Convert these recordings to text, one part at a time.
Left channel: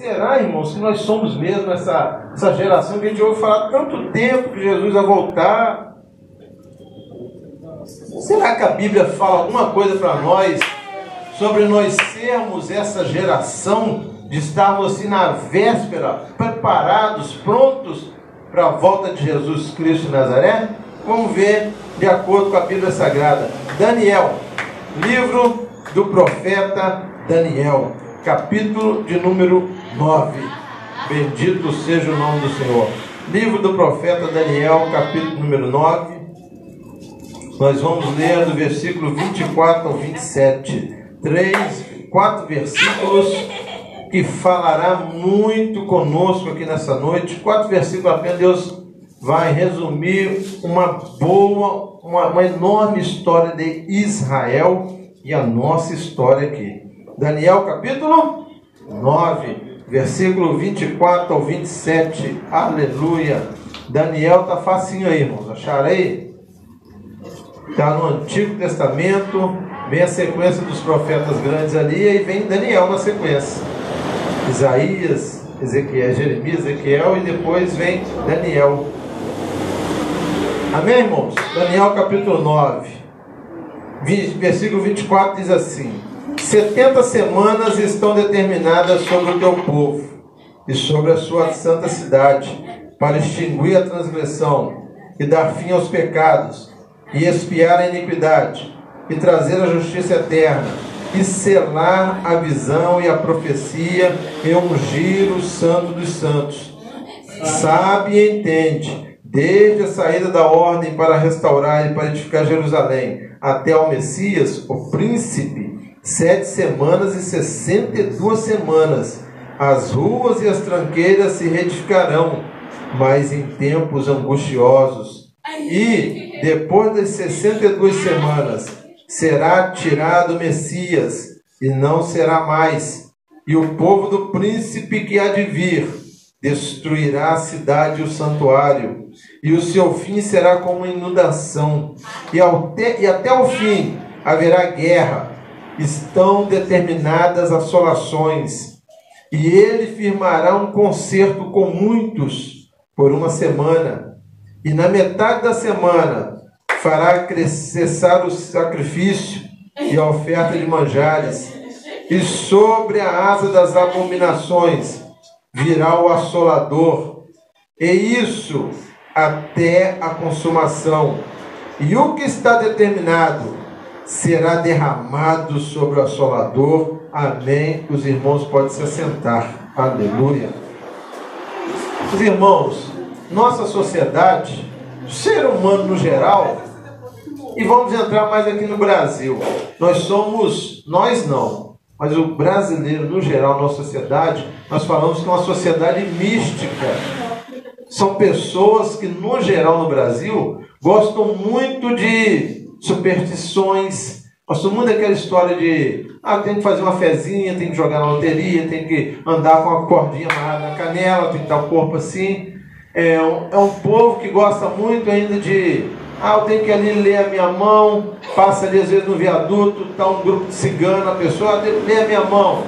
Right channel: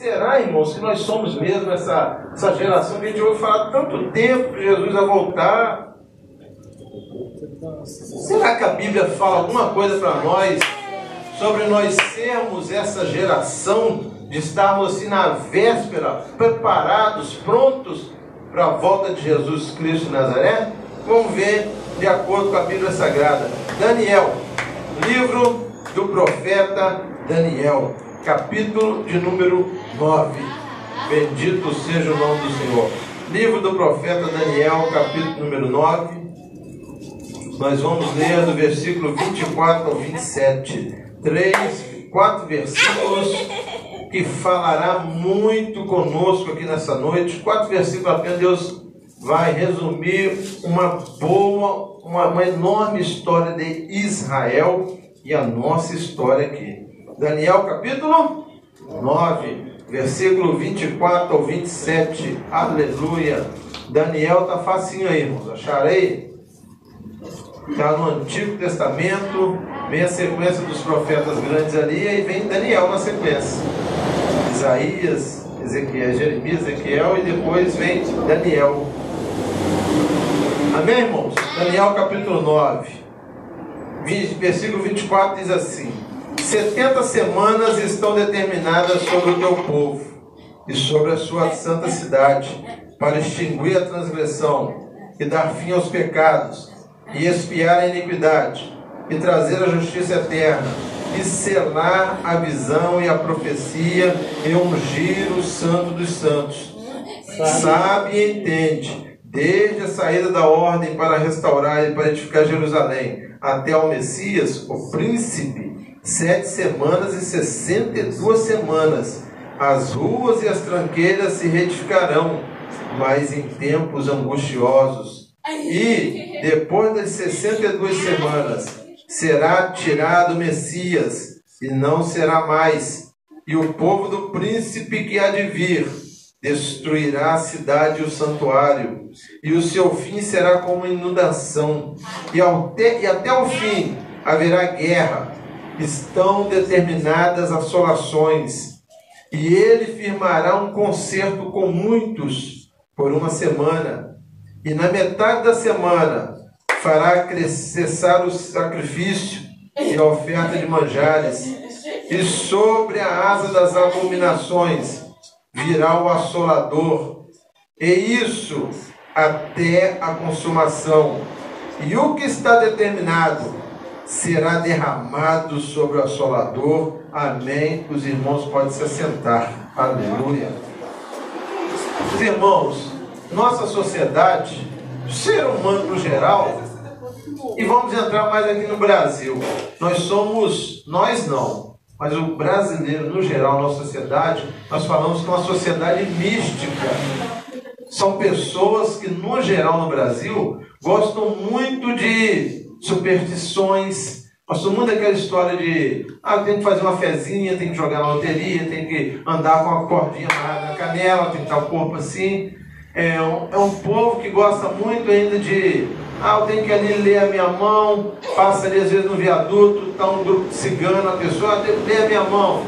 Será, irmãos, que nós somos mesmo essa geração que a gente ouve falar tanto tempo que Jesus vai voltar? Será que a Bíblia fala alguma coisa para nós sobre nós sermos essa geração, de estarmos assim na véspera, preparados, prontos para a volta de Jesus Cristo de Nazaré? Vamos ver de acordo com a Bíblia Sagrada. Daniel, livro do profeta Daniel, capítulo de número 9. Bendito seja o nome do Senhor. Livro do profeta Daniel, capítulo número 9. Nós vamos ler do versículo 24 ao 27. 4 versículos que falará muito conosco aqui nessa noite. 4 versículos apenas. Deus vai resumir uma enorme história de Israel e a nossa história aqui. Daniel capítulo 9, versículo 24 ao 27. Aleluia. Daniel está facinho aí, irmãos. Acharei? Está no Antigo Testamento. Vem a sequência dos profetas grandes ali e vem Daniel na sequência. Isaías, Ezequiel, Jeremias, Ezequiel e depois vem Daniel. Amém, irmãos? Daniel capítulo 9, versículo 24 diz assim: 70 semanas estão determinadas sobre o teu povo e sobre a sua santa cidade, para extinguir a transgressão e dar fim aos pecados, e expiar a iniquidade, e trazer a justiça eterna, e selar a visão e a profecia, e ungir o santo dos santos. Sabe e entende, desde a saída da ordem para restaurar e para edificar Jerusalém, até ao Messias, o príncipe, 7 semanas e 62 semanas. As ruas e as tranqueiras se reedificarão, mas em tempos angustiosos. E, depois das 62 semanas, será tirado o Messias, e não será mais. E o povo do príncipe que há de vir destruirá a cidade e o santuário, e o seu fim será como inundação. E até o fim haverá guerra. Estão determinadas assolações. E ele firmará um concerto com muitos por 1 semana. E na metade da semana fará cessar o sacrifício e a oferta de manjares. E sobre a asa das abominações virá o assolador. E isso até a consumação. E o que está determinado será derramado sobre o assolador. Amém. Os irmãos podem se assentar. Aleluia. Os irmãos, nossa sociedade, o ser humano no geral, e vamos entrar mais aqui no Brasil. Nós não, mas o brasileiro no geral, nossa sociedade, nós falamos que é uma sociedade mística. São pessoas que no geral no Brasil gostam muito de superstições, gostam muito daquela história de tem que fazer uma fezinha, tem que jogar na loteria, tem que andar com uma cordinha amarrada na canela, tem que estar o corpo assim. É um povo que gosta muito ainda de eu tenho que ali ler a minha mão, passa ali às vezes no viaduto, está um grupo de cigano, a pessoa tem que ler a minha mão.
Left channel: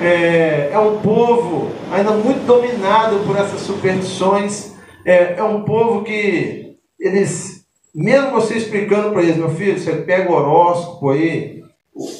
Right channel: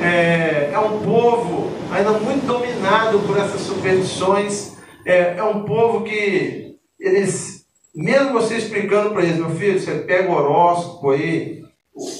É um povo ainda muito dominado por essas superstições. É um povo que eles, mesmo você explicando para eles, meu filho, você pega o horóscopo aí,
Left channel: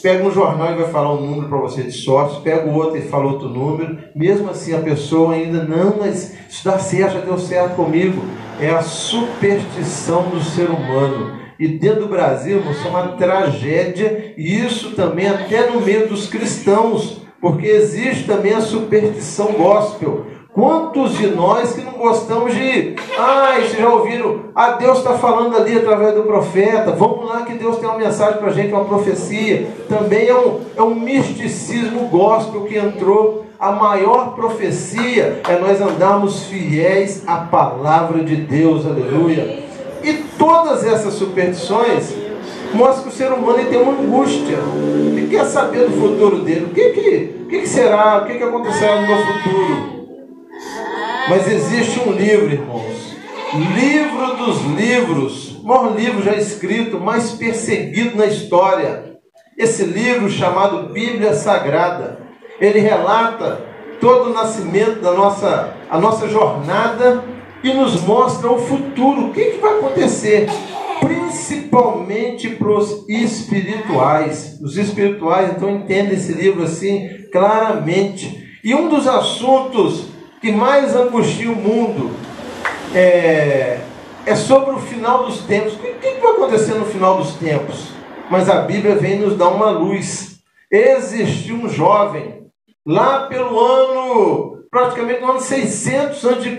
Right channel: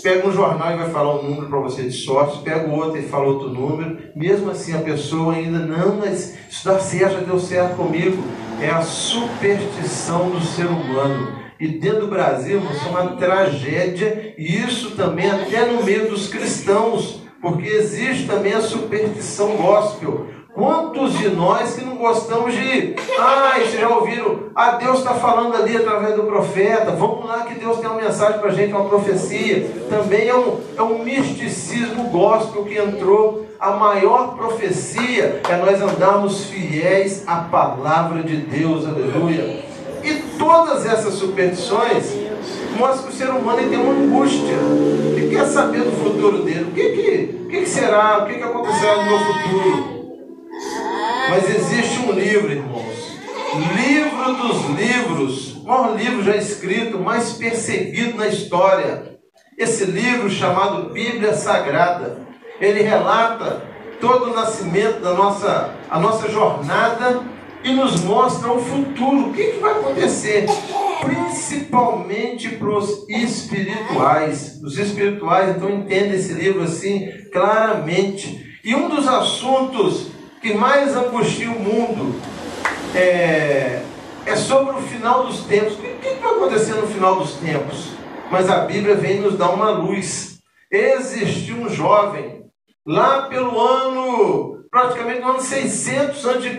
pega um jornal e vai falar um número para você de sorte, pega o outro e fala outro número, mesmo assim a pessoa ainda mas isso dá certo, já deu certo comigo. É a superstição do ser humano. E dentro do Brasil, isso é uma tragédia, e isso também até no meio dos cristãos, porque existe também a superstição gospel. Quantos de nós que não gostamos de... vocês já ouviram? Deus está falando ali através do profeta. Vamos lá que Deus tem uma mensagem para a gente, uma profecia. Também é um misticismo gospel que entrou. A maior profecia é nós andarmos fiéis à palavra de Deus. Aleluia. E todas essas superstições mostram que o ser humano tem uma angústia. Ele quer saber do futuro dele. O que será? O que acontecerá no meu futuro? Mas existe um livro, irmãos, livro dos livros, o maior livro já escrito, mais perseguido na história. Esse livro chamado Bíblia Sagrada, ele relata todo o nascimento a nossa jornada e nos mostra o futuro, o que vai acontecer, principalmente para os espirituais. Os espirituais, então, entendem esse livro assim claramente. E um dos assuntos que mais angustia o mundo é sobre o final dos tempos. O que vai acontecer no final dos tempos? Mas a Bíblia vem nos dar uma luz. Existiu um jovem, lá pelo praticamente no ano 600 a.C.,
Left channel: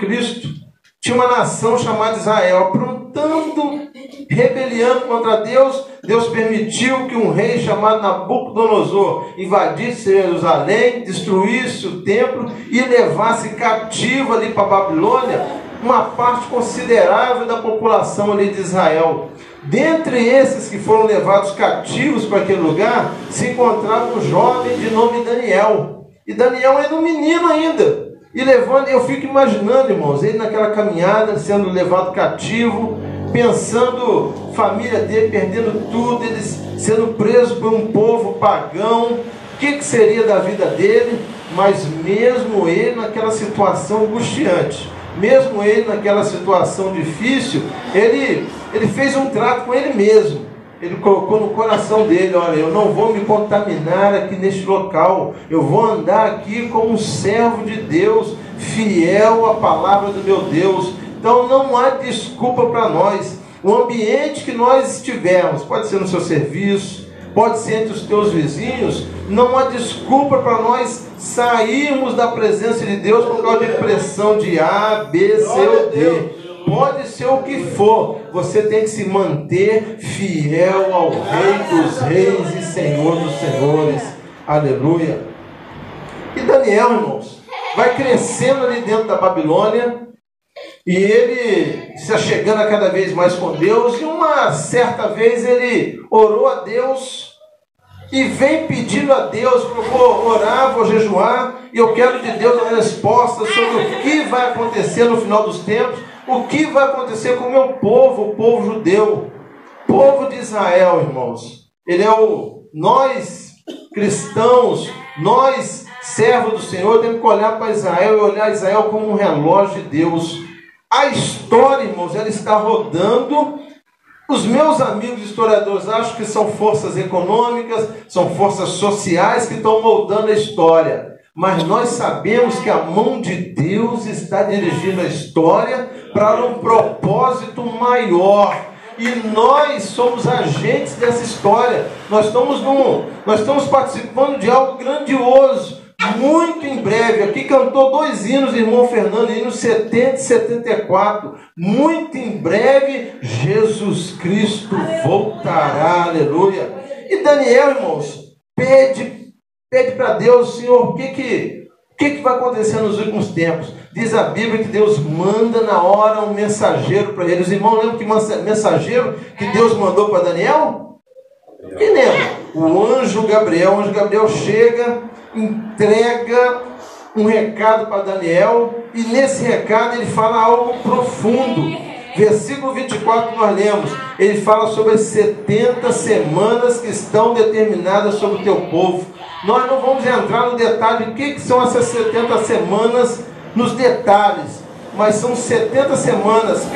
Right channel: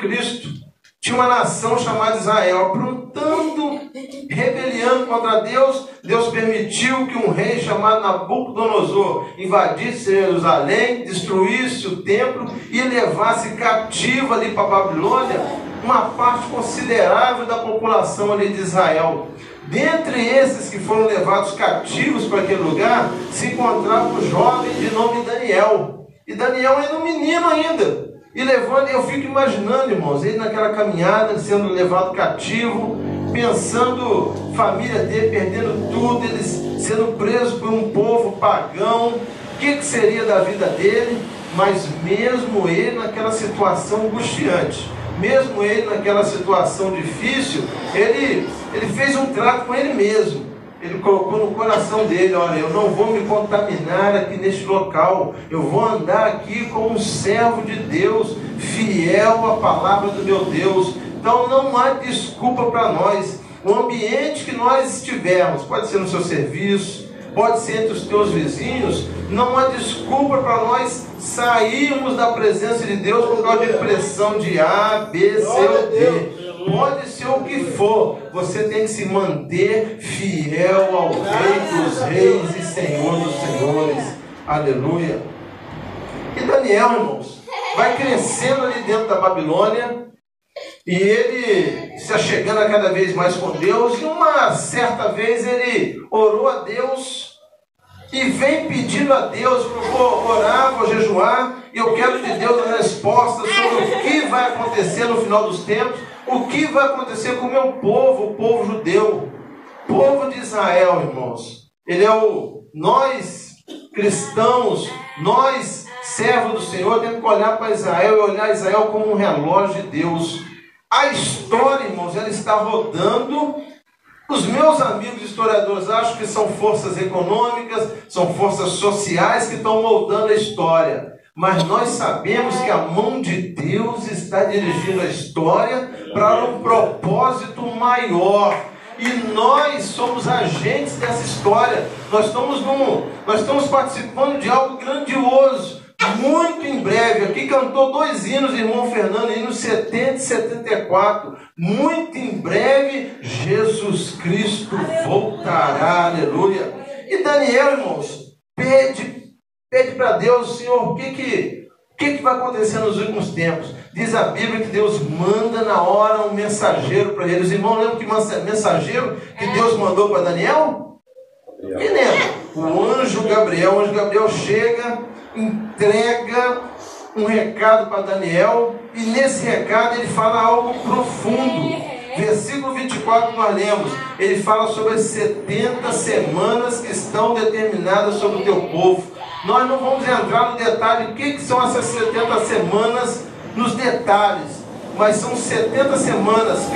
tinha uma nação chamada Israel, aprontando, rebeliando contra Deus. Deus permitiu que um rei chamado Nabucodonosor invadisse Jerusalém, destruísse o templo e levasse cativo ali para a Babilônia uma parte considerável da população ali de Israel. Dentre esses que foram levados cativos para aquele lugar, se encontrava um jovem de nome Daniel. E Daniel era um menino ainda. E levando, eu fico imaginando, irmãos, ele naquela caminhada, sendo levado cativo, pensando, família dele perdendo tudo, ele sendo preso por um povo pagão, o que seria da vida dele? Mas mesmo ele naquela situação angustiante, mesmo ele naquela situação difícil, ele fez um trato com ele mesmo. Ele colocou no coração dele: olha, eu não vou me contaminar aqui neste local, eu vou andar aqui como um servo de Deus, fiel à palavra do meu Deus. Então não há desculpa para nós. O ambiente que nós estivermos, pode ser no seu serviço, pode ser entre os teus vizinhos, não há desculpa para nós sairmos da presença de Deus por causa de pressão de A, B, C ou D. Pode ser o que for, você tem que se manter fiel ao Rei dos Reis e Senhor dos Senhores. Aleluia. E Daniel, irmãos, vai crescendo ali dentro da Babilônia, e ele se achegando a cada vez mais com Deus. E uma certa vez ele orou a Deus e vem pedindo a Deus: vou orar, vou jejuar, e eu quero de Deus a resposta sobre o que vai acontecer no final dos tempos, o que vai acontecer com o meu povo, o povo judeu, povo de Israel, irmãos. Ele é nós cristãos, nós servos do Senhor, temos que olhar para Israel e olhar Israel como um relógio de Deus. A história, irmãos, ela está rodando. Os meus amigos historiadores acham que são forças econômicas, são forças sociais que estão moldando a história. Mas nós sabemos que a mão de Deus está dirigindo a história para um propósito maior. E nós somos agentes dessa história. Nós estamos participando de algo grandioso. Muito em breve, aqui cantou 2 hinos, irmão Fernando, hinos 70 e 74. Muito em breve, Jesus Cristo voltará, aleluia. E Daniel, irmãos, pede para Deus: Senhor, o que vai acontecer nos últimos tempos? Diz a Bíblia que Deus manda na hora um mensageiro para eles. Irmão, lembra que mensageiro que Deus mandou para Daniel? Quem lembra? O anjo Gabriel. O anjo Gabriel chega, entrega um recado para Daniel, e nesse recado ele fala algo profundo. Versículo 24 nós lemos, ele fala sobre as 70 semanas que estão determinadas sobre o teu povo. Nós não vamos entrar no detalhe do que são essas 70 semanas, nos detalhes, mas são 70 semanas.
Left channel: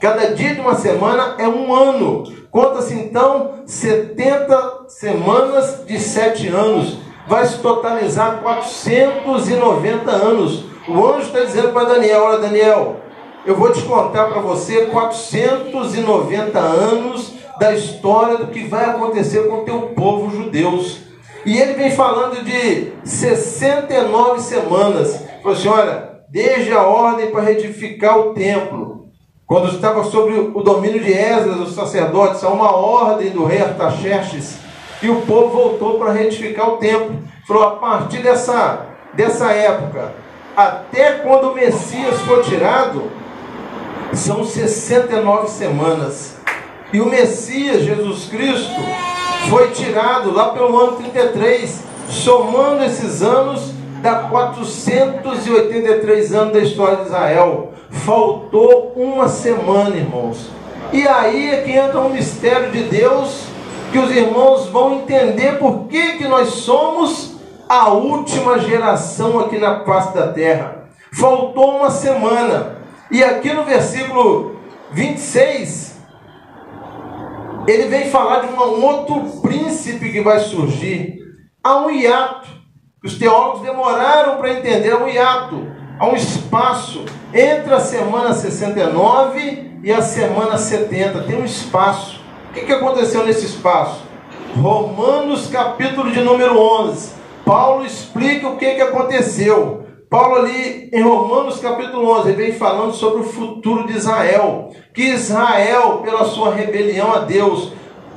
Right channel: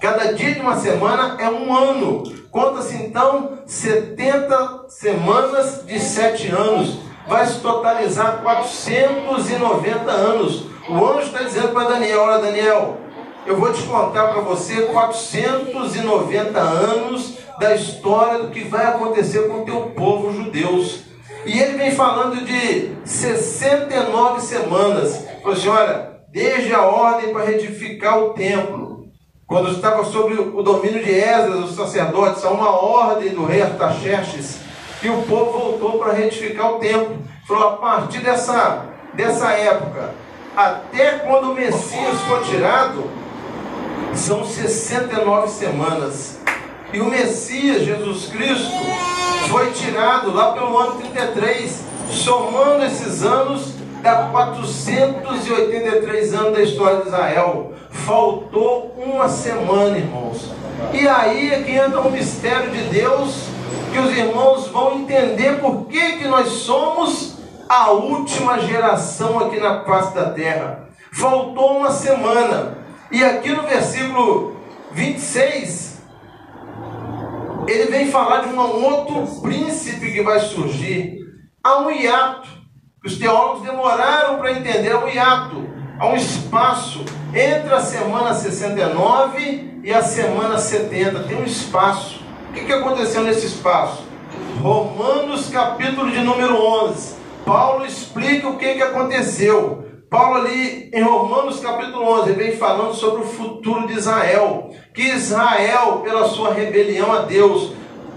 Cada dia de uma semana é um ano. Conta-se então 70 semanas de 7 anos. Vai se totalizar 490 anos. O anjo está dizendo para Daniel: olha, Daniel, eu vou te contar para você 490 anos da história do que vai acontecer com o teu povo judeus. E ele vem falando de 69 semanas. Falou assim: olha, desde a ordem para retificar o templo, quando estava sob o domínio de Esdras, os sacerdotes, há uma ordem do rei Artaxerxes, e o povo voltou para retificar o templo. Falou: a partir dessa época, até quando o Messias for tirado, são 69 semanas. E o Messias, Jesus Cristo, foi tirado lá pelo ano 33. Somando esses anos, dá 483 anos da história de Israel. Faltou uma semana, irmãos. E aí é que entra um mistério de Deus, que os irmãos vão entender por que nós somos a última geração aqui na face da terra. Faltou uma semana. E aqui no versículo 26, ele vem falar de um outro príncipe que vai surgir. Há um hiato. Os teólogos demoraram para entender. Há um hiato. Há um espaço entre a semana 69 e a semana 70. Tem um espaço. O que aconteceu nesse espaço? Romanos capítulo de número 11. Paulo explica o que aconteceu. Paulo ali em Romanos capítulo 11, ele vem falando sobre o futuro de Israel. Que Israel, pela sua rebelião a Deus,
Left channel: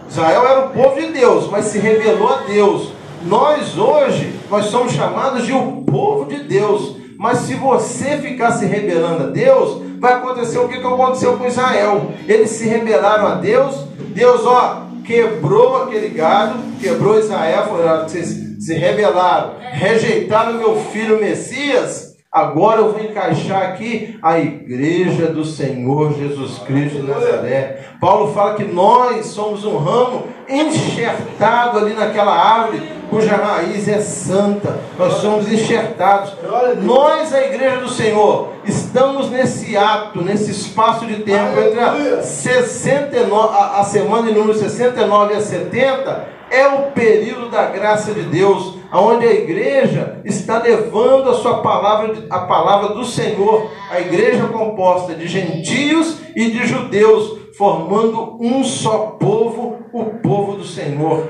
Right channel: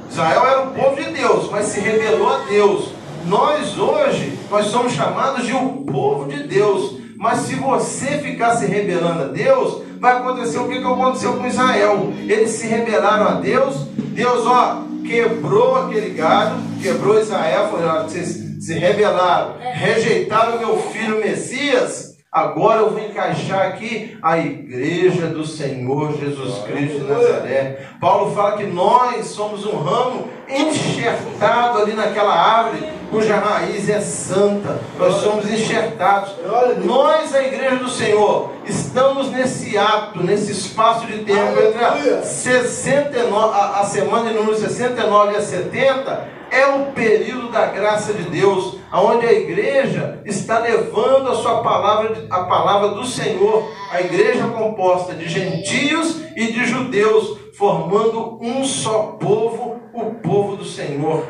Israel era o povo de Deus, mas se rebelou a Deus. Nós hoje, nós somos chamados de o povo de Deus. Mas se você ficar se rebelando a Deus, vai acontecer o que aconteceu com Israel. Eles se rebelaram a Deus. Deus, quebrou aquele gado, quebrou Israel, falou: vocês se rebelaram, rejeitaram meu filho Messias, agora eu vou encaixar aqui a igreja do Senhor Jesus Cristo de Nazaré. Paulo fala que nós somos um ramo enxertado ali naquela árvore, cuja raiz é santa. Nós somos enxertados. Nós, a igreja do Senhor, estamos nesse ato, nesse espaço de tempo entre a semana de número 69 e a 70. É o período da graça de Deus, onde a igreja está levando a sua palavra, a palavra do Senhor, a igreja composta de gentios e de judeus, formando um só povo, o povo do Senhor.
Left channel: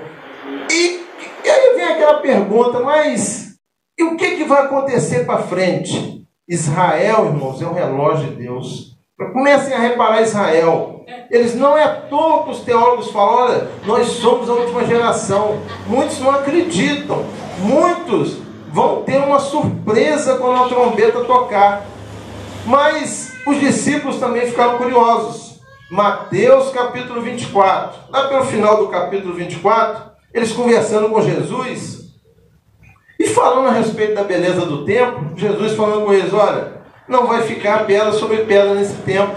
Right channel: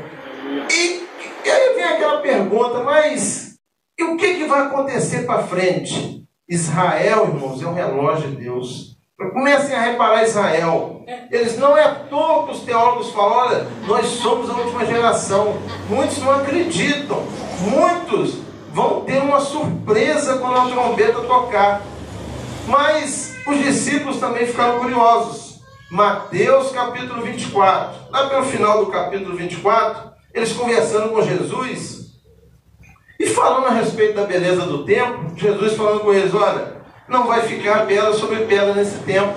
E aí vem aquela pergunta, mas e o que vai acontecer para frente? Israel, irmãos, é o relógio de Deus. Comecem a reparar Israel. Eles não é à toa que os teólogos falam: olha, nós somos a última geração. Muitos não acreditam. Muitos vão ter uma surpresa quando a trombeta tocar. Mas os discípulos também ficaram curiosos. Mateus capítulo 24. Lá pelo final do capítulo 24, eles conversando com Jesus e falando a respeito da beleza do templo. Jesus falando com eles: olha, não vai ficar pedra sobre pedra nesse tempo.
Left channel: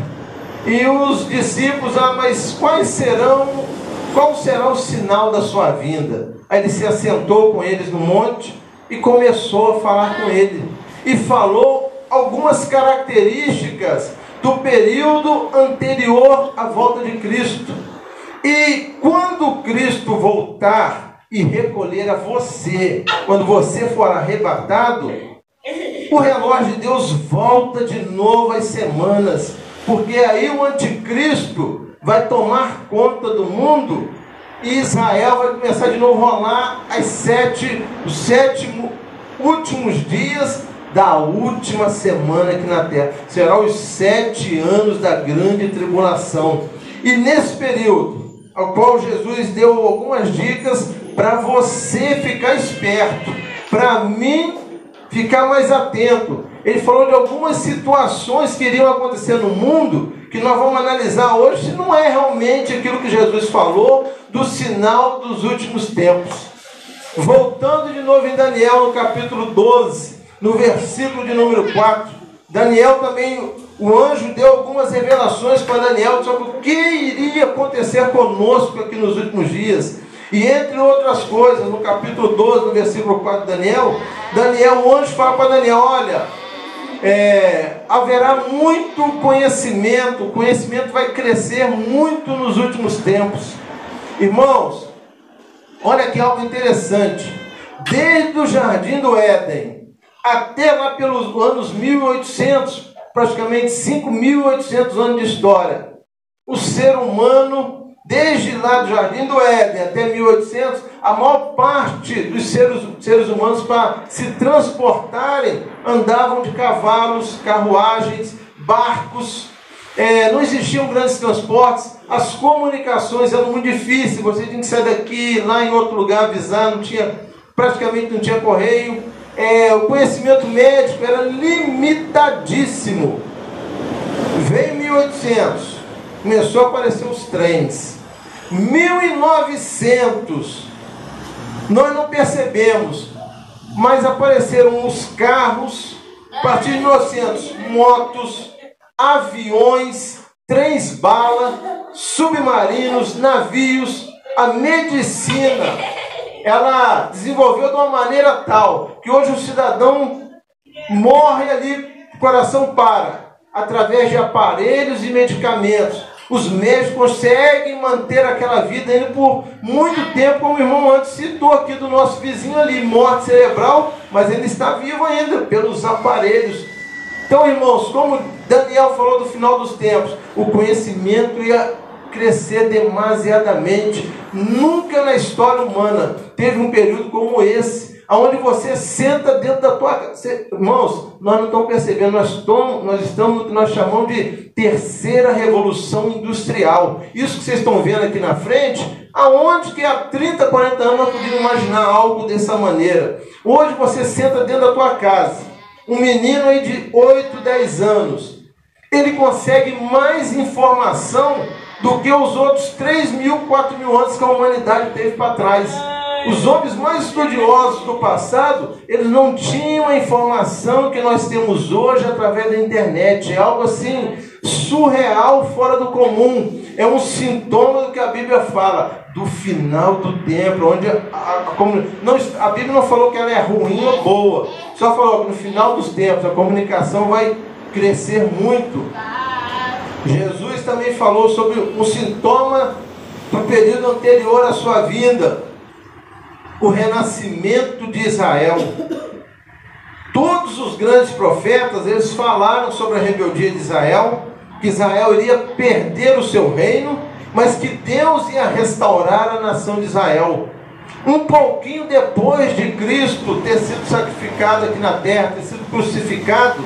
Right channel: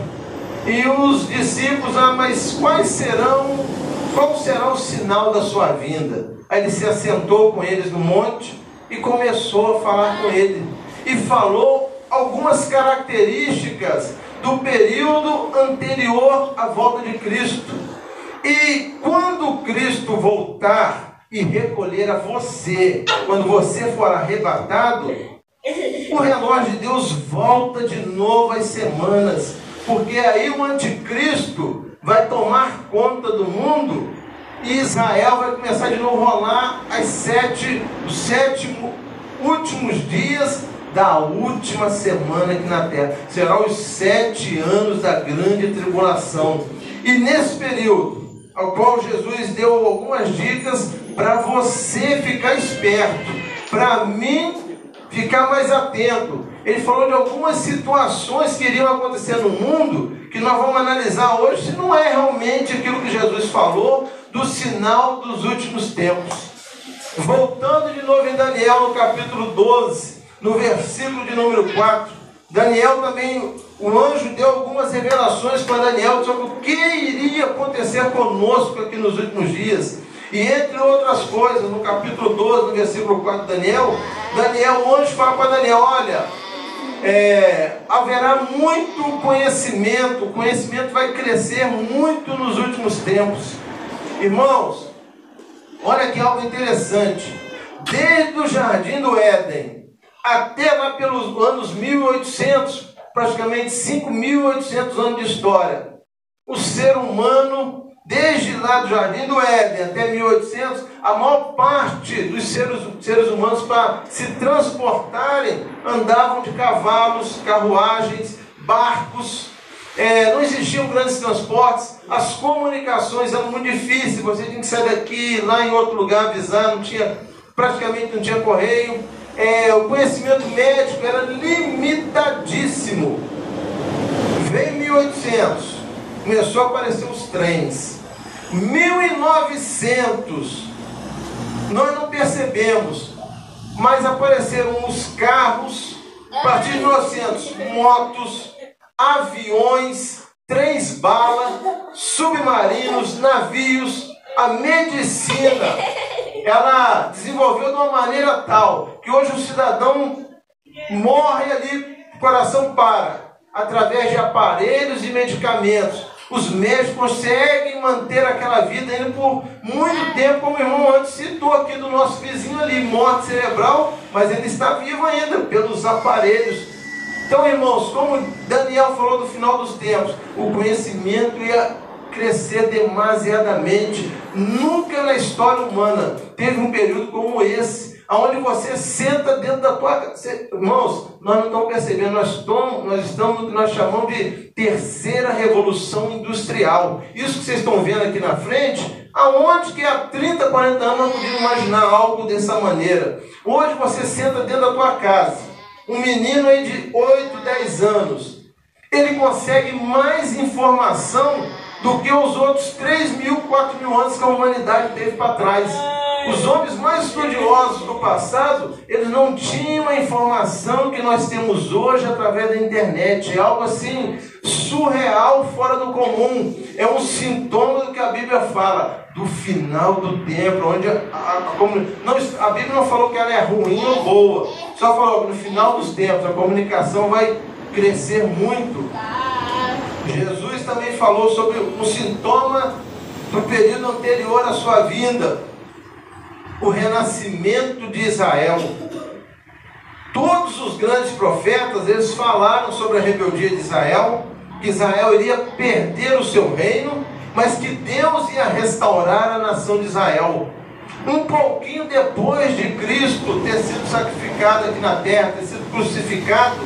E os discípulos: mas qual será o sinal da sua vinda? Aí ele se assentou com eles no monte e começou a falar com ele. E falou algumas características do período anterior à volta de Cristo. E quando Cristo voltar e recolher a você, quando você for arrebatado, o relógio de Deus volta de novo às semanas, porque aí o anticristo vai tomar conta do mundo e Israel vai começar de novo a rolar os 7 últimos dias da última semana aqui na terra. Será os 7 anos da grande tribulação. E nesse período, ao qual Jesus deu algumas dicas para você ficar esperto, para mim ficar mais atento. Ele falou de algumas situações que iriam acontecer no mundo, que nós vamos analisar hoje, se não é realmente aquilo que Jesus falou do sinal dos últimos tempos. Voltando de novo em Daniel, no capítulo 12, no versículo de número 4, Daniel também, o anjo deu algumas revelações para Daniel sobre o que iria acontecer conosco aqui nos últimos dias. E entre outras coisas, no capítulo 12, no versículo 4 de Daniel, o anjo fala para Daniel: olha, haverá muito conhecimento, o conhecimento vai crescer muito nos últimos tempos. Irmãos, olha que algo interessante. Desde o Jardim do Éden até lá pelos anos 1800, praticamente 5.800 anos de história, o ser humano, desde lá do Jardim do Éden até 1800, a maior parte dos seres humanos, para se transportarem, andavam de cavalos, carruagens, barcos. Não existiam grandes transportes, as comunicações eram muito difíceis. Você tinha que sair daqui, lá em outro lugar, avisar, praticamente não tinha correio. O conhecimento médico era limitadíssimo. Veio em 1800, começou a aparecer os trens. 1900, nós não percebemos, mas apareceram os carros. A partir de 1900, motos, aviões, trens-bala, submarinos, navios, a medicina. ela desenvolveu de uma maneira tal que hoje o cidadão morre ali, o coração para, através de aparelhos e medicamentos. Os médicos conseguem manter aquela vida ainda por muito tempo, como o irmão antes citou aqui do nosso vizinho ali, morte cerebral, mas ele está vivo ainda pelos aparelhos. Então, irmãos, como Daniel falou no final dos tempos, o conhecimento ia crescer demasiadamente. Nunca na história humana teve um período como esse, onde você senta dentro da tua casa. Irmãos, nós não estamos percebendo, nós estamos no que nós chamamos de terceira revolução industrial. Isso que vocês estão vendo aqui na frente, aonde que há 30, 40 anos nós podíamos imaginar algo dessa maneira. Hoje você senta dentro da tua casa, um menino aí de 8, 10 anos, ele consegue mais informação do que os outros 3.000, 4.000 anos que a humanidade teve para trás. Os homens mais estudiosos do passado, eles não tinham a informação que nós temos hoje através da internet. É algo assim, surreal, fora do comum. É um sintoma do que a Bíblia fala, do final do tempo, onde a Bíblia não falou que ela é ruim ou boa, só falou que no final dos tempos a comunicação vai crescer muito. Jesus também falou sobre um sintoma do período anterior à sua vinda, o renascimento de Israel. Todos os grandes profetas, eles falaram sobre a rebeldia de Israel, que Israel iria perder o seu reino, mas que Deus ia restaurar a nação de Israel. Um pouquinho depois de Cristo ter sido sacrificado aqui na terra, ter sido crucificado,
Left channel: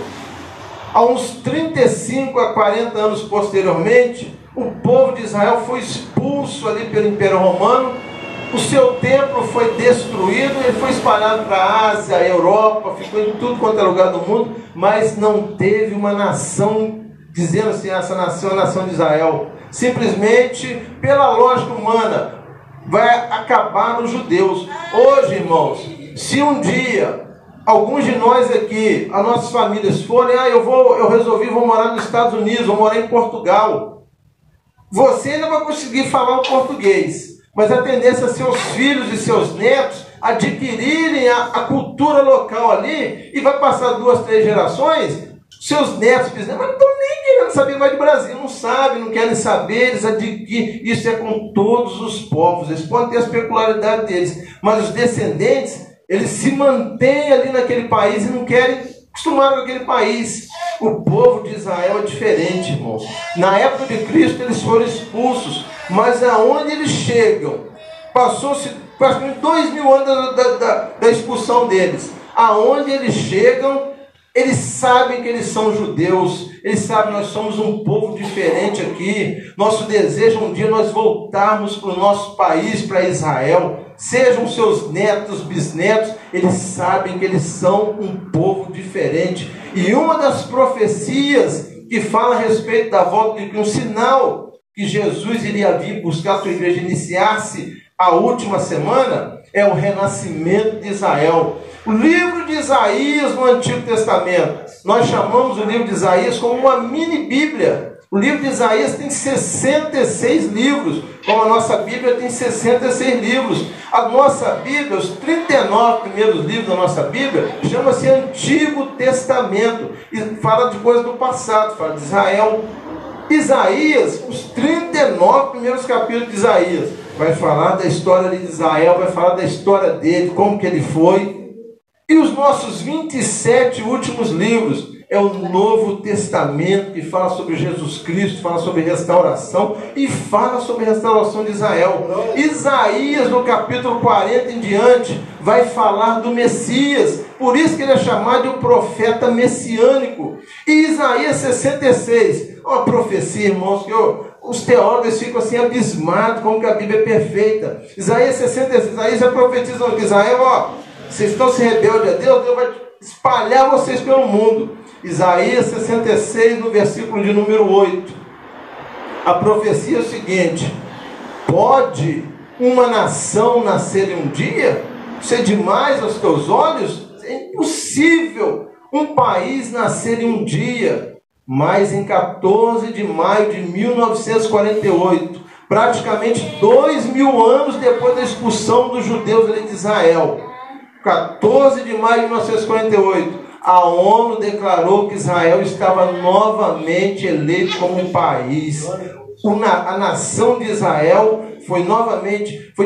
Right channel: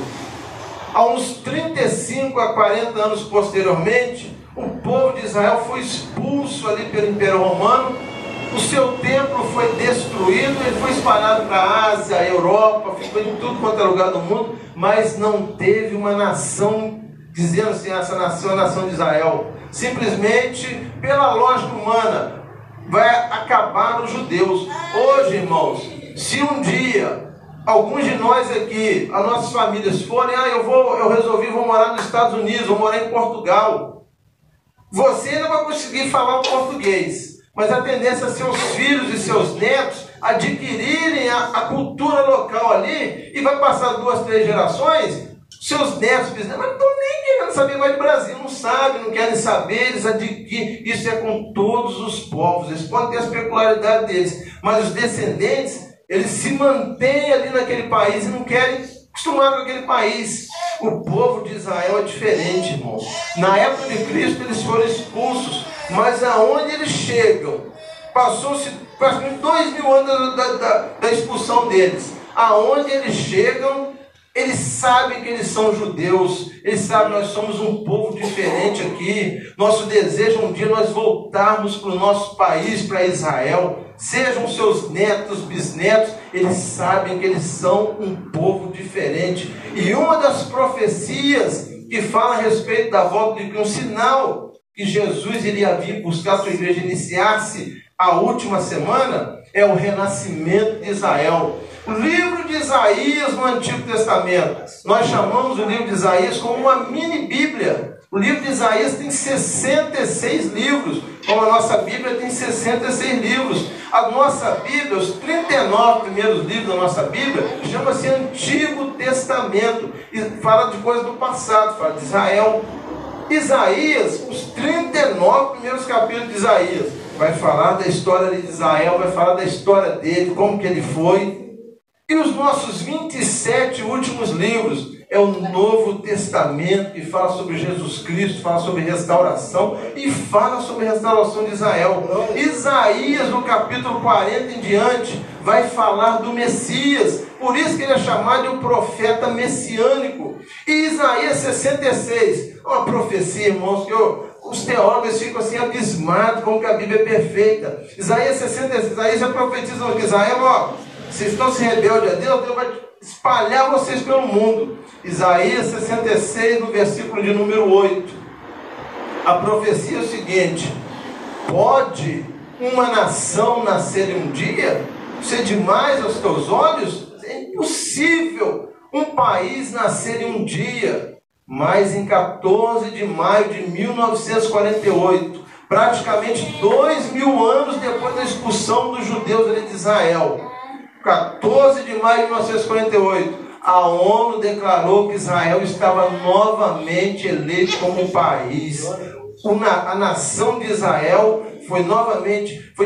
há uns 35 a 40 anos posteriormente, o povo de Israel foi expulso ali pelo Império Romano. O seu templo foi destruído, ele foi espalhado para a Ásia, a Europa, ficou em tudo quanto é lugar do mundo, mas não teve uma nação, dizendo assim, essa nação é a nação de Israel. Simplesmente, pela lógica humana, vai acabar os judeus. Hoje, irmãos, se um dia alguns de nós aqui, as nossas famílias forem, eu resolvi, vou morar nos Estados Unidos, vou morar em Portugal, você ainda vai conseguir falar o português, mas a tendência é seus filhos e seus netos adquirirem a cultura local ali, e vai passar 2, 3 gerações, seus netos, bisnetos, mas não estão nem querendo saber mais do Brasil, não sabem, não querem saber, eles adquirem. Isso é com todos os povos, eles podem ter as peculiaridades deles, mas os descendentes, eles se mantêm ali naquele país e não querem acostumar com aquele país. O povo de Israel é diferente, irmãos. Na época de Cristo eles foram expulsos, mas aonde eles chegam, passou-se praticamente 2.000 anos da expulsão deles. Aonde eles chegam, eles sabem que eles são judeus, eles sabem que nós somos um povo diferente aqui. Nosso desejo um dia nós voltarmos para o nosso país, para Israel. Sejam seus netos, bisnetos, eles sabem que eles são um povo diferente. E uma das profecias que fala a respeito da volta de um sinal que Jesus iria vir buscar a sua igreja, iniciar-se a última semana, é o renascimento de Israel. O livro de Isaías no Antigo Testamento, nós chamamos o livro de Isaías como uma mini Bíblia. O livro de Isaías tem 66 livros, como a nossa Bíblia tem 66 livros. A nossa Bíblia, os 39 primeiros livros da nossa Bíblia, chama-se Antigo Testamento, e fala de coisas do passado, fala de Israel. Isaías, os 39 primeiros capítulos de Isaías, vai falar da história de Israel, vai falar da história dele, como que ele foi. E os nossos 27 últimos livros é o Novo Testamento, que fala sobre Jesus Cristo, fala sobre restauração e fala sobre a restauração de Israel. Isaías, no capítulo 40 em diante, vai falar do Messias. Por isso que ele é chamado de um profeta messiânico. E Isaías 66, uma profecia, irmãos, que os teólogos ficam assim abismados como que a Bíblia é perfeita. Isaías 66, Isaías já profetiza que Israel, vocês estão se rebeldes a Deus, Deus vai espalhar vocês pelo mundo. Isaías 66, no versículo de número 8. A profecia é o seguinte: pode uma nação nascer em um dia? Ser demais aos teus olhos? É impossível um país nascer em um dia. Mas em 14 de maio de 1948, praticamente 2000 anos depois da expulsão dos judeus de Israel. 14 de maio de 1948, a ONU declarou que Israel estava novamente eleito como um país. A nação de Israel foi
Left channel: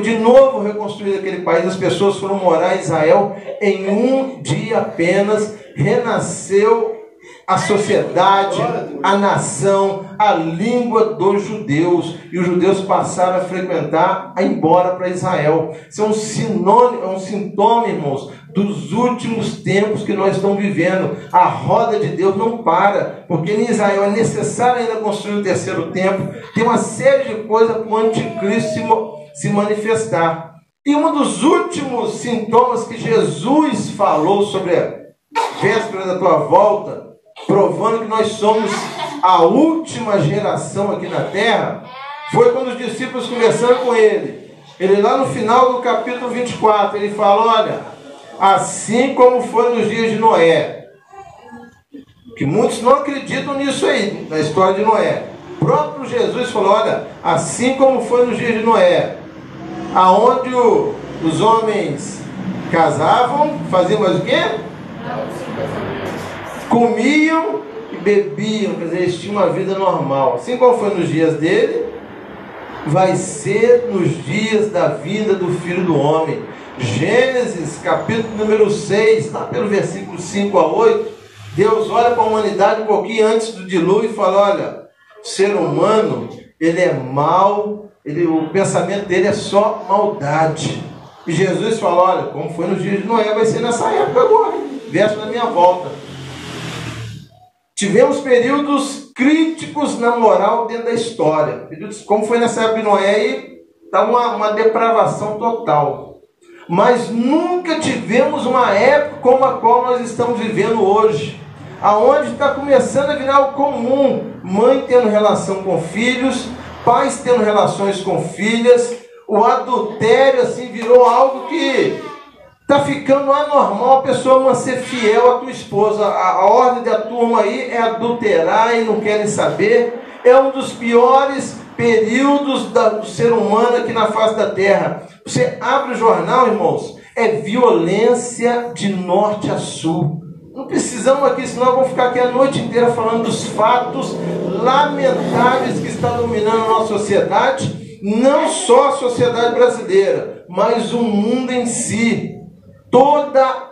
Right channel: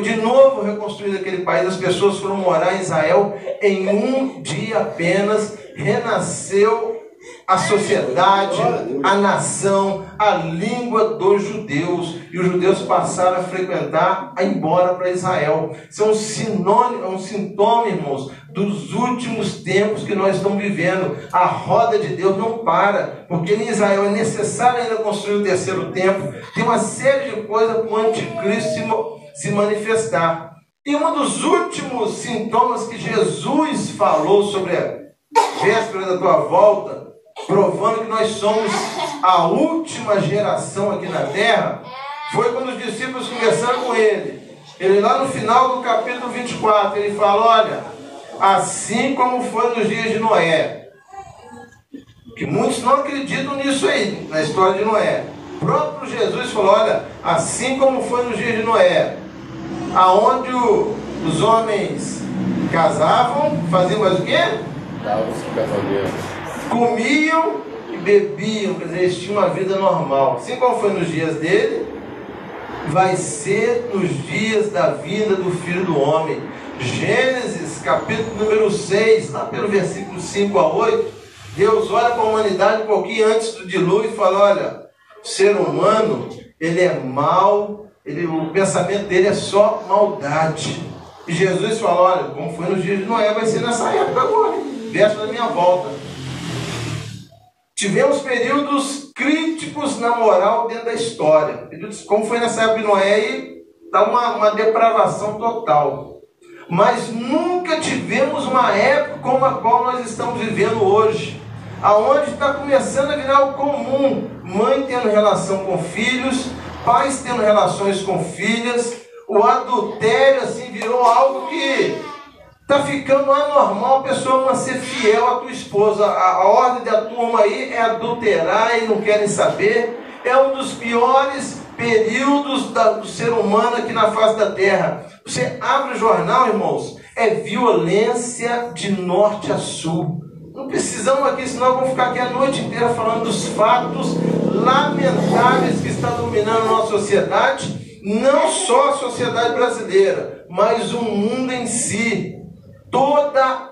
de novo reconstruída aquele país. As pessoas foram morar em Israel em um dia apenas. Renasceu a sociedade, a nação, a língua dos judeus. E os judeus passaram a frequentar, a ir embora para Israel. Isso é um sintoma, irmãos, dos últimos tempos que nós estamos vivendo. A roda de Deus não para, porque em Israel é necessário ainda construir o terceiro templo. Tem uma série de coisas para o anticristo se manifestar. E um dos últimos sintomas que Jesus falou sobre a véspera da tua volta, provando que nós somos a última geração aqui na terra, foi quando os discípulos conversaram com ele. Ele lá no final do capítulo 24, ele fala, olha, assim como foi nos dias de Noé, que muitos não acreditam nisso aí, na história de Noé. O próprio Jesus falou, olha, assim como foi nos dias de Noé, aonde os homens casavam, faziam mais o quê? Comiam e bebiam, quer dizer, eles tinham uma vida normal. Assim como foi nos dias dele, vai ser nos dias da vinda do Filho do Homem. Gênesis, capítulo número 6, lá pelo versículo 5 a 8, Deus olha para a humanidade um pouquinho antes do dilúvio e fala, olha, o ser humano, ele é mau, o pensamento dele é só maldade. E Jesus fala, olha, como foi nos dias de Noé, vai ser nessa época agora, verso da minha volta. Tivemos períodos críticos na moral dentro da história. Como foi nessa época de Noé, e está uma depravação total. Mas nunca tivemos uma época como a qual nós estamos vivendo hoje, aonde está começando a virar o comum, mãe tendo relação com filhos, pais tendo relações com filhas, o adultério assim virou algo que está ficando anormal a pessoa não ser fiel à tua esposa. A ordem da turma aí é adulterar e não querem saber. É um dos piores períodos do ser humano aqui na face da terra. Você abre o jornal, irmãos, é violência de norte a sul. Não precisamos aqui, senão eu vou ficar aqui a noite inteira falando dos fatos lamentáveis que estão dominando a nossa sociedade. Não só a sociedade brasileira, mas o mundo em si. Toda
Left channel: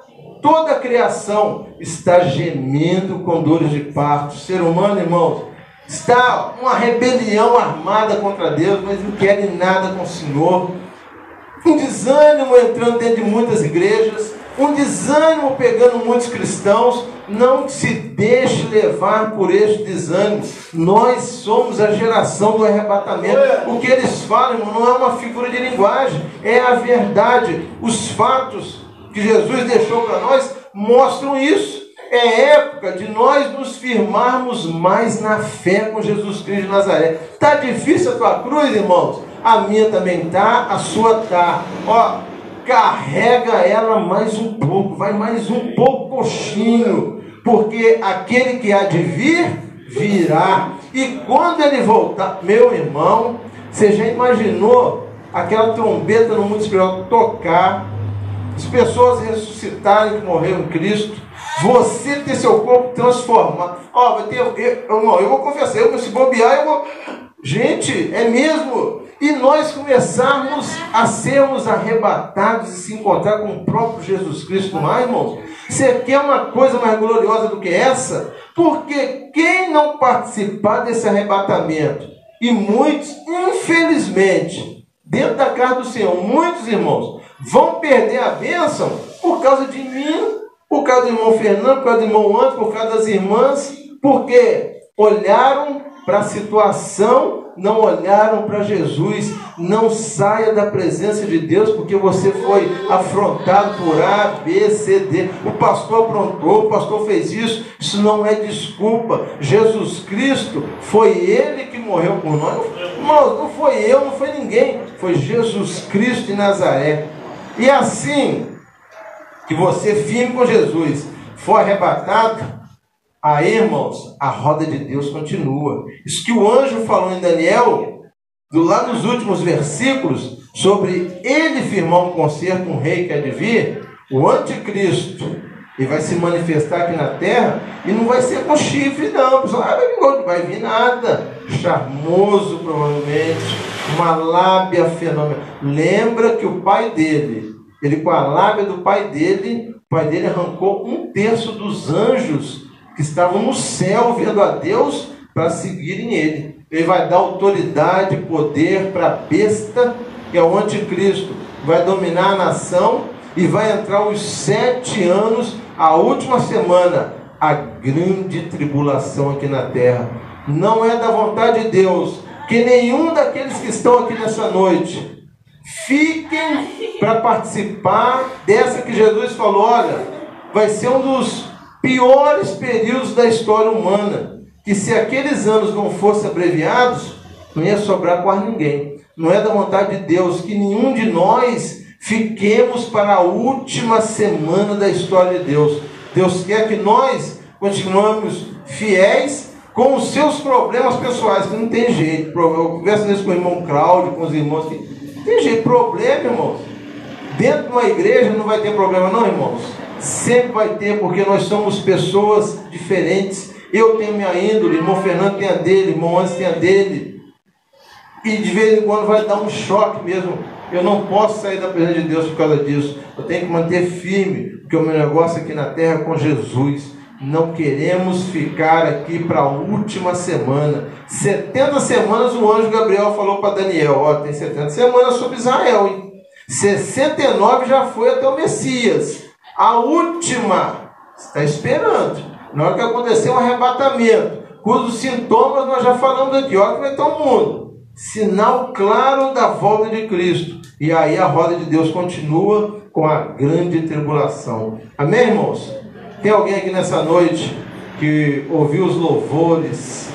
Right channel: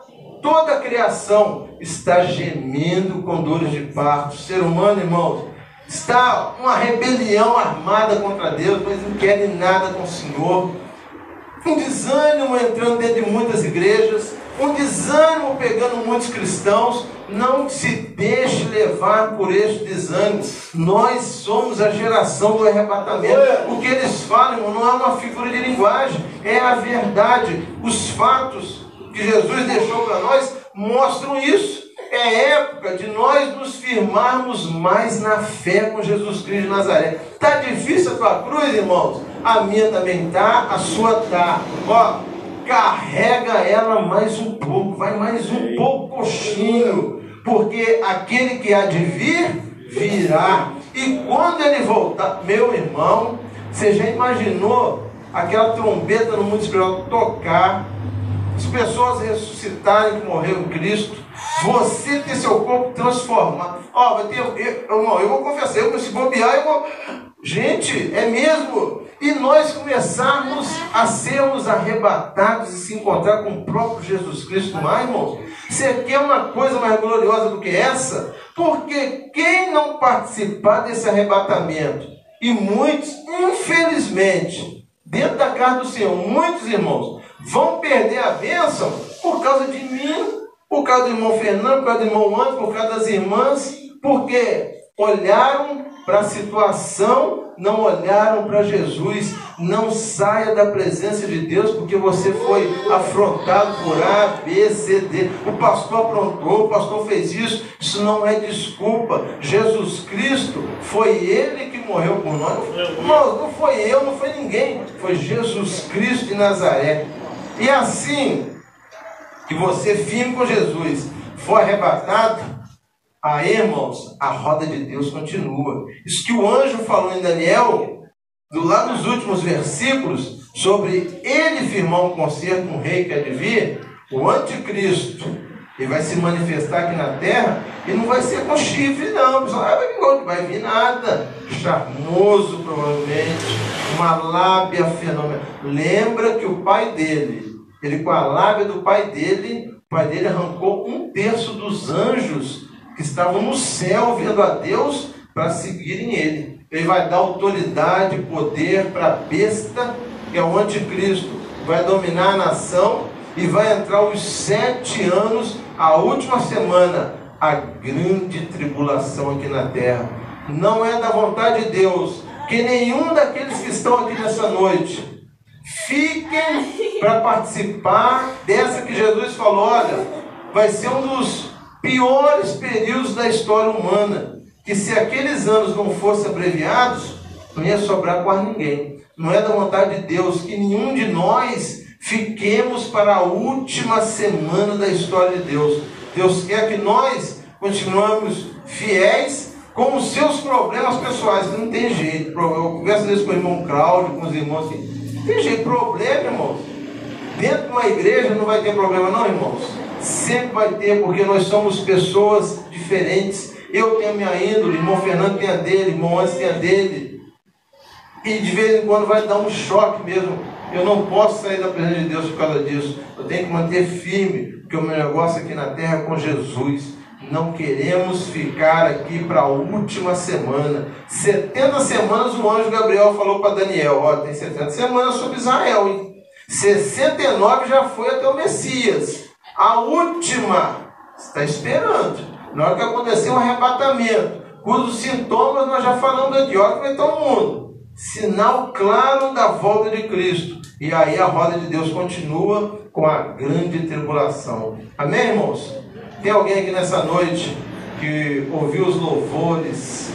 a criação está gemendo com dores de parto. O ser humano, irmãos, está uma rebelião armada contra Deus, mas não querem nada com o Senhor. Um desânimo entrando dentro de muitas igrejas, um desânimo pegando muitos cristãos. Não se deixe levar por este desânimo. Nós somos a geração do arrebatamento. O que eles falam, irmão, não é uma figura de linguagem, é a verdade. Os fatos que Jesus deixou para nós mostram isso. É época de nós nos firmarmos mais na fé com Jesus Cristo de Nazaré. Está difícil a tua cruz, irmãos? A minha também está, a sua está. Ó, carrega ela mais um pouco, vai mais um pouquinho, porque aquele que há de vir, virá. E quando ele voltar, meu irmão, você já imaginou aquela trombeta no mundo espiritual tocar, as pessoas ressuscitarem que morreram em Cristo, você ter seu corpo transformado? Ó, vai ter, eu vou confessar, eu vou se bobear, eu vou... Gente, é mesmo? E nós começarmos a sermos arrebatados e se encontrar com o próprio Jesus Cristo, não é, irmãos? Você quer uma coisa mais gloriosa do que essa? Porque quem não participar desse arrebatamento, e muitos, infelizmente, dentro da casa do Senhor, muitos irmãos, vão perder a bênção por causa de mim, por causa do irmão Fernando, por causa do irmão Anderson, por causa das irmãs, porque olharam para a situação, não olharam para Jesus. Não saia da presença de Deus porque você foi afrontado por A, B, C, D. O pastor aprontou, o pastor fez isso. Isso não é desculpa. Jesus Cristo, foi Ele que morreu por nós. Não foi eu, não foi ninguém. Foi Jesus Cristo de Nazaré. E assim que você firme com Jesus, for arrebatado, aí, irmãos, a roda de Deus continua. Isso que o anjo falou em Daniel lá nos últimos versículos, sobre ele firmar um concerto com o rei que há de vir, o anticristo, e vai se manifestar aqui na terra, e não vai ser com chifre não, vai vir nada, charmoso provavelmente, uma lábia fenomenal. Lembra que o pai dele, ele com a lábia do pai dele, o pai dele arrancou 1/3 dos anjos que estavam no céu vendo a Deus para seguirem ele. Ele vai dar autoridade, poder para a besta, que é o anticristo, vai dominar a nação e vai entrar os 7 anos, a última semana, a grande tribulação aqui na terra. Não é da vontade de Deus que nenhum daqueles que estão aqui nessa noite fiquem para participar dessa que Jesus falou, olha, vai ser um dos piores períodos da história humana, que se aqueles anos não fossem abreviados, não ia sobrar quase ninguém. Não é da vontade de Deus que nenhum de nós fiquemos para a última semana da história de Deus. Deus quer que nós continuemos fiéis com os seus problemas pessoais, que não tem jeito. Eu converso nisso com o irmão Cláudio, com os irmãos, assim, tem jeito, problema, irmãos. Dentro de uma igreja não vai ter problema não, irmãos. Sempre vai ter, porque nós somos pessoas diferentes. Eu tenho minha índole, irmão Fernando tem a dele, irmão Antes tem a dele. E de vez em quando vai dar um choque mesmo. Eu não posso sair da presença de Deus por causa disso. Eu tenho que manter firme, porque o meu negócio aqui na terra é com Jesus. Não queremos ficar aqui para a última semana. 70 semanas o anjo Gabriel falou para Daniel, ó, tem 70 semanas sobre Israel, hein? 69 já foi até o Messias. A última, está esperando. Na hora que acontecer um arrebatamento, cujos sintomas nós já falamos aqui, ó, que vai estar o mundo. Sinal claro da volta de Cristo. E aí a roda de Deus continua com a grande tribulação. Amém, irmãos? Tem alguém aqui nessa noite que ouviu os louvores?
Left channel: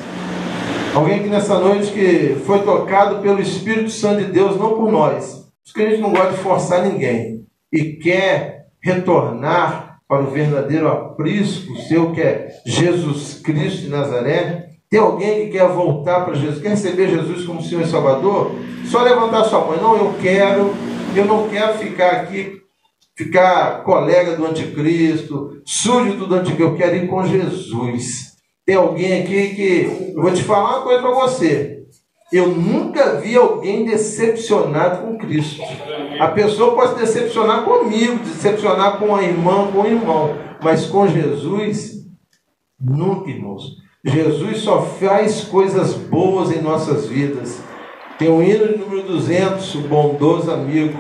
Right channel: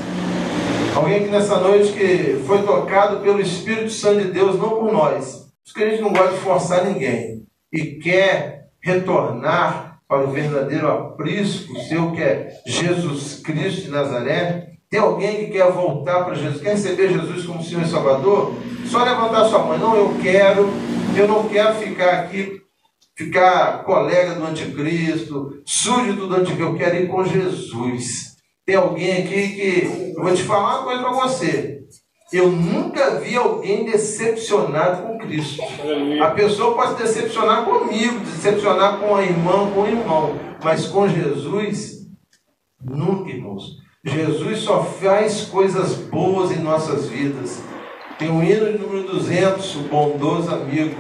Alguém aqui nessa noite que foi tocado pelo Espírito Santo de Deus, não por nós. Porque a gente não gosta de forçar ninguém. E quer retornar para o verdadeiro aprisco seu, que é Jesus Cristo de Nazaré. Tem alguém que quer voltar para Jesus, quer receber Jesus como Senhor e Salvador? Só levantar sua mão. Não, eu não quero ficar aqui, ficar colega do anticristo, súdito do anticristo, eu quero ir com Jesus. Tem alguém aqui que, eu vou te falar uma coisa para você, eu nunca vi alguém decepcionado com Cristo. A pessoa pode se decepcionar comigo, decepcionar com a irmã, com o irmão, mas com Jesus, nunca, irmãos. Jesus só faz coisas boas em nossas vidas. Tem o hino de número 200, o bondoso amigo.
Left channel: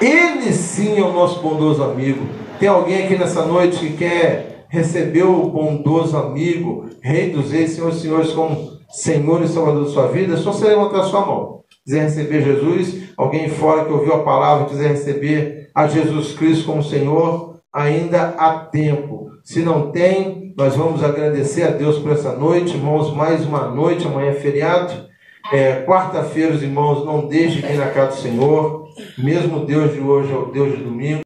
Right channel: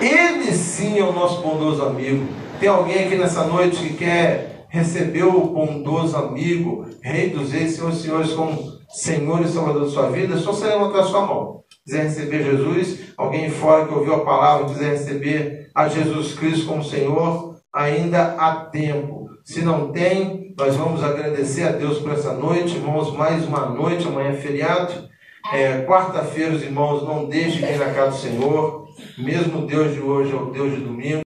Ele sim é o nosso bondoso amigo. Tem alguém aqui nessa noite que quer receber o bondoso amigo, Rei dos Reis, Senhor dos Senhores, como Senhor e Salvador da sua vida? É só você levantar a sua mão. Quiser receber Jesus, alguém fora que ouviu a palavra, quiser receber a Jesus Cristo como Senhor, ainda há tempo. Se não tem, nós vamos agradecer a Deus por essa noite, irmãos, mais uma noite, amanhã é feriado. Quarta-feira, os irmãos, não deixem de ir na casa do Senhor, mesmo Deus de hoje é o Deus de domingo.